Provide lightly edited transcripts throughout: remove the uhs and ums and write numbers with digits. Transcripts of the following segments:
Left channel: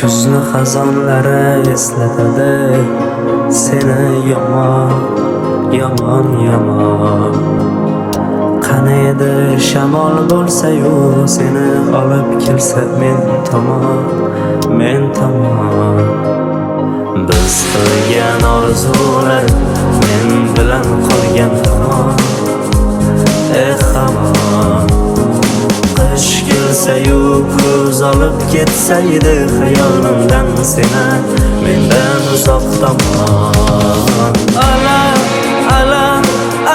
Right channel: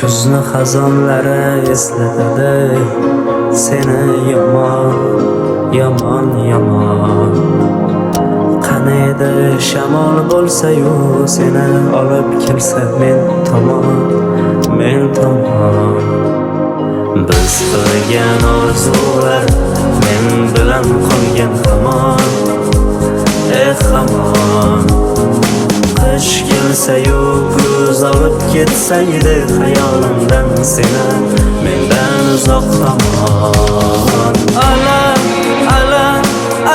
Kuzni xazonlari eslatadi seni yomon, yomon, yomon. Qani edi shamol bo'lsa-yu seni olib kelsa men tomon, men tomon. Biz qilgan orzular men bilan qolgan hamon, hamon. Qish kelsa-yu ko'z olib ketsaydi xayolimdan seni mendan uzoq tomon. Alam, alam,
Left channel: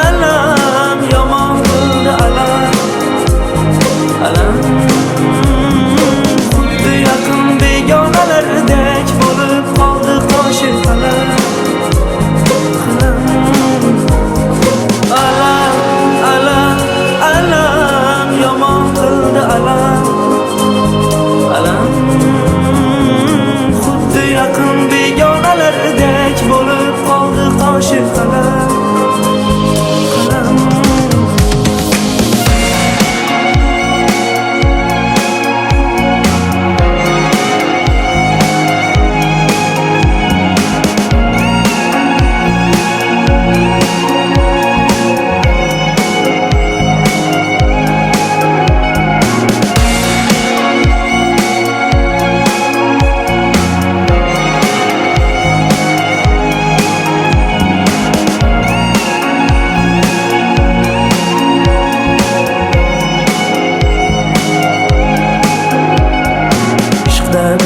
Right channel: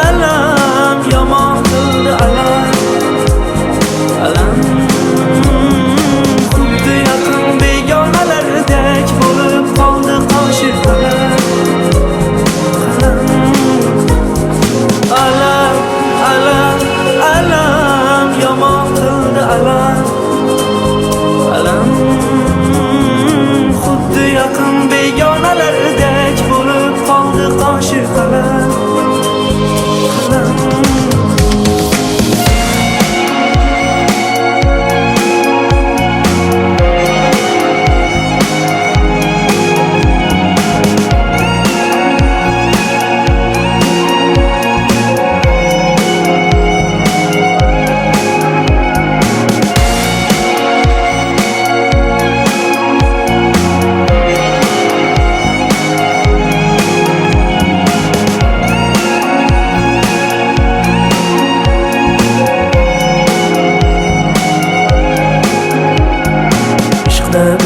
alam, yomon qildi alam, alam. Xuddi yaqin begonalardek bo'lib qoldi qoshi qalam, qalam. Alam, alam, alam, yomon qildi alam, alam. Xuddi yaqin begonalardek bo'lib qoldi qoshi qalam, qalam.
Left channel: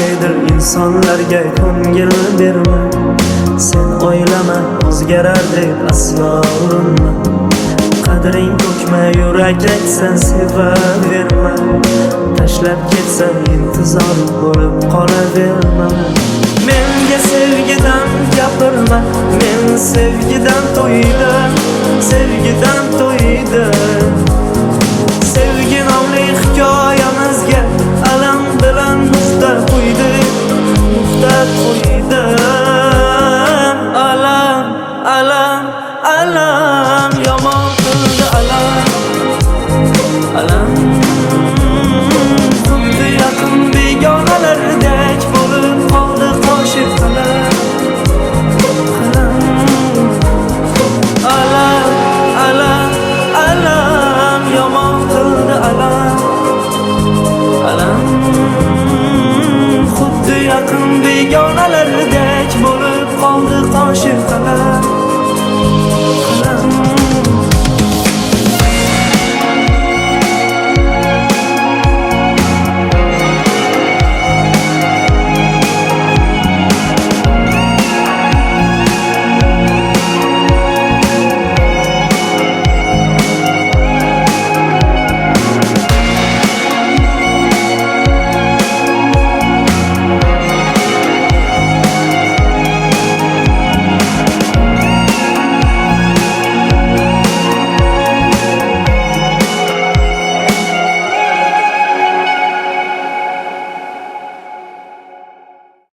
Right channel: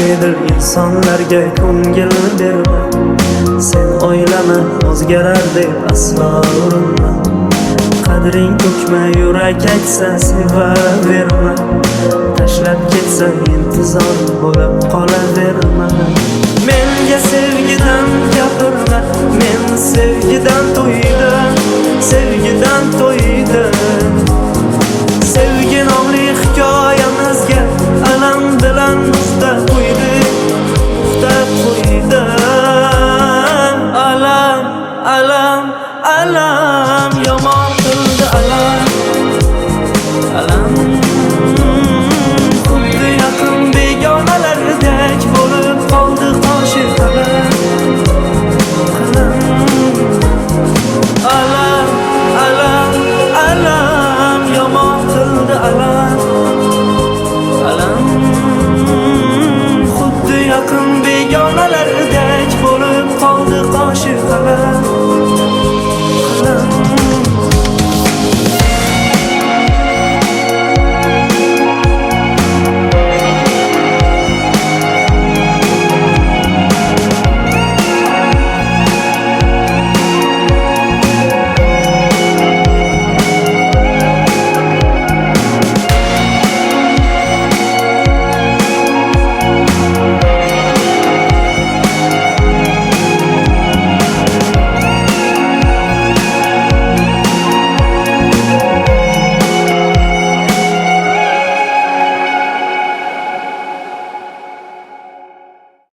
Bedil insonlarga ko'ngil berma, sen o'ylama o'zgarar deb aslo urinma. Qadring ko'kma, yurak aytsa sevaverma, tashlab ketsa intizor bo'lib qolaverma. Menga sevgidan gapirma, men sevgidan to'ydim, sevgidan to'ydim. Sevgi nomli hikoyamizga alam bilan nuqta qo'ydim, nuqta qo'ydim. Alam, alam, alam, yomon qildi alam, alam. Xuddi yaqin begonalardek bo'lib qoldi qoshi qalam, qalam. Alam, alam, alam, yomon qildi alam, alam. Xuddi yaqin begonalardek bo'lib qoldi qoshi qalam.